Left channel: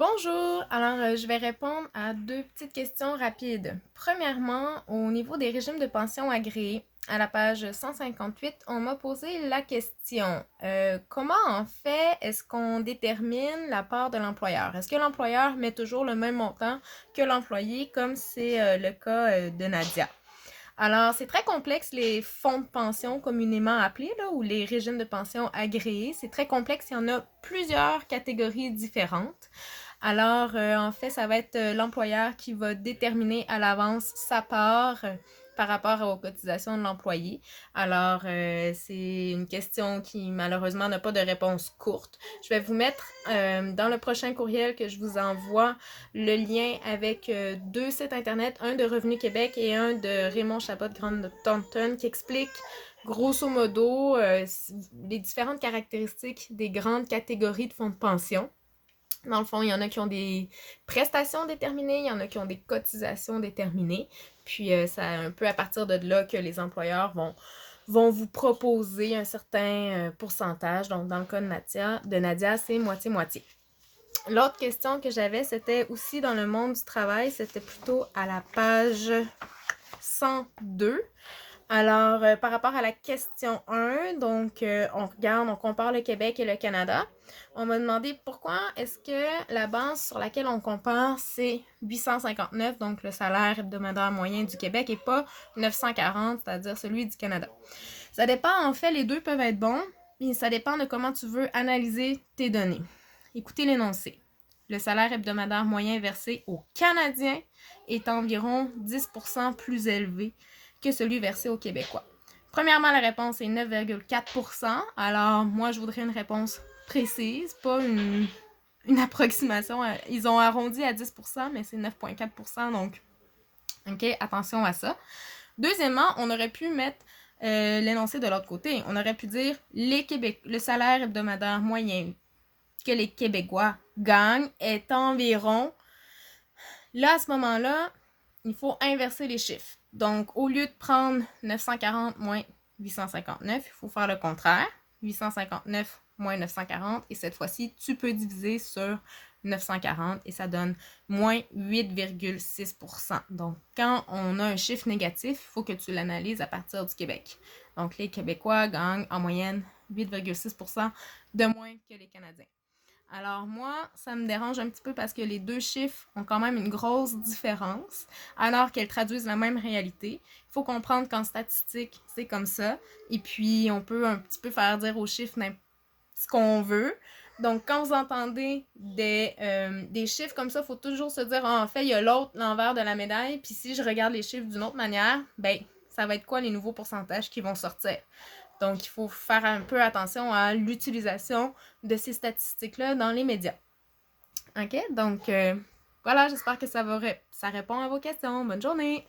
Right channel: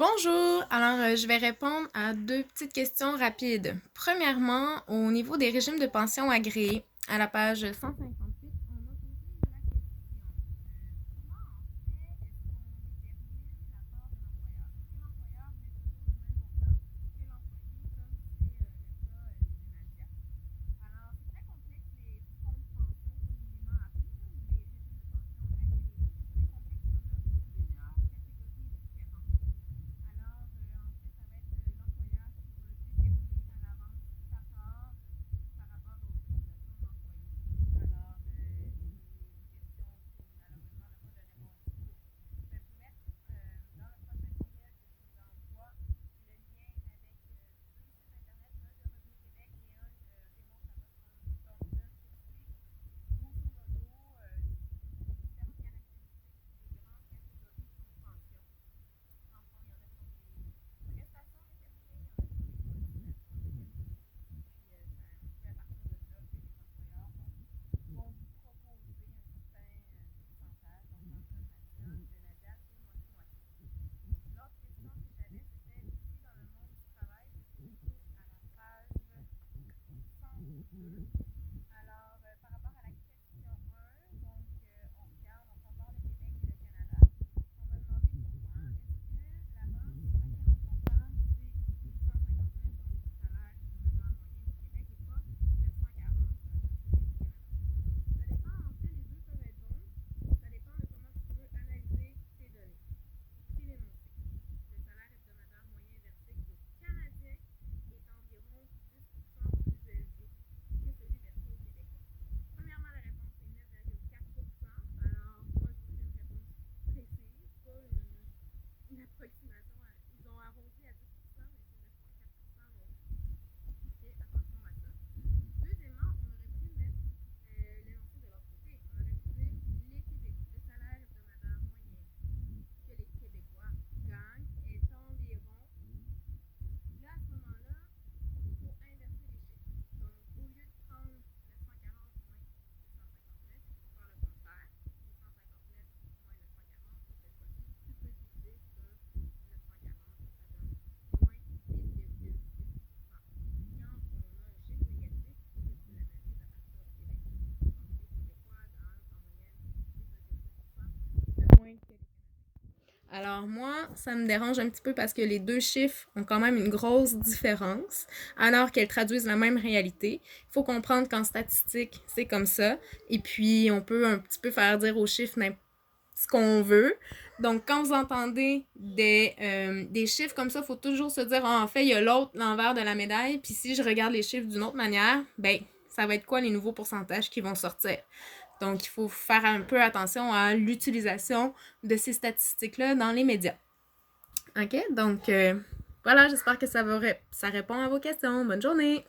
Bonjour! Alors, je vais répondre à deux petites questions rapides. Premièrement, au niveau des régimes de pension agréés, à la page 158, on m'a posé la question comment en fait est-ce qu'on détermine la part de l'employeur? Est-ce que l'employeur met toujours le même montant que l'employé, comme c'est le cas de Nadia? Alors, c'est très complexe, les fonds de pension communément appelés, là, ou les régimes de pension agréés. C'est très complexe, il y en a plusieurs catégories différentes. Alors, en fait, ça va être l'employeur qui va déterminer à l'avance sa part par rapport aux cotisations de l'employé. Alors, c'est une question qui malheureusement n'a pas de réponse courte. Je vais vous mettre dans le prochain courriel que je vous envoie le lien avec deux sites internet, un de Revenu Québec et un de Raymond Chabot Grande Thornton qui explique grosso modo les différentes caractéristiques des grandes catégories de fonds de pension. Dans le fond, il y en a qui ont des prestations déterminées, il y en a qui ont des cotisations déterminées. Puis, c'est un peu à partir de là que les employeurs vont vous proposer un certain pourcentage. Donc, dans le cas de Nadia, c'est moitié-moitié. L'autre question que j'avais, c'était aussi dans le monde du travail, c'était plutôt à la page 102. Alors, par rapport à la question 1, donc on compare le Québec et le Canada. On m'a demandé pourquoi est-ce que la base sur laquelle on compare, c'est 859, donc le salaire hebdomadaire moyen du Québec, et pas 940, c'est-à-dire celui du Canada. Ça dépend, en fait, les deux peuvent être bons, mais ça dépend de comment tu veux analyser tes données. Écoutez l'énoncé. Le salaire hebdomadaire moyen versé aux Canadiens est environ 10% plus élevé que celui versé aux Québécois. Premièrement, la réponse est 9,4%. Alors, moi, je voudrais une réponse précise, pas une approximation. Ils ont arrondi à 10%, mais c'est 9,4%. Donc, OK, attention à ça. Deuxièmement, on aurait pu mettre l'énoncé de l'autre côté. On aurait pu dire le salaire hebdomadaire moyen que les Québécois gagnent est environ... Là, à ce moment-là, il faut inverser les chiffres. Donc, au lieu de prendre 940 moins 859, il faut faire le contraire. 859 moins 940. Et cette fois-ci, tu peux diviser sur 940 et ça donne moins 8,6%. Donc, quand on a un chiffre négatif, il faut que tu l'analyses à partir du Québec. Donc, les Québécois gagnent en moyenne 8,6% de moins que les Canadiens. Alors moi, ça me dérange un petit peu parce que les deux chiffres ont quand même une grosse différence, alors qu'elles traduisent la même réalité. Il faut comprendre qu'en statistique, c'est comme ça. Et puis, on peut un petit peu faire dire aux chiffres ce qu'on veut. Donc, quand vous entendez des chiffres comme ça, il faut toujours se dire, en fait, il y a l'envers de la médaille. Puis si je regarde les chiffres d'une autre manière, ben, ça va être quoi les nouveaux pourcentages qui vont sortir? Donc, il faut faire un peu attention à l'utilisation de ces statistiques-là dans les médias. OK? Donc, voilà, j'espère que ça répond à vos questions. Bonne journée!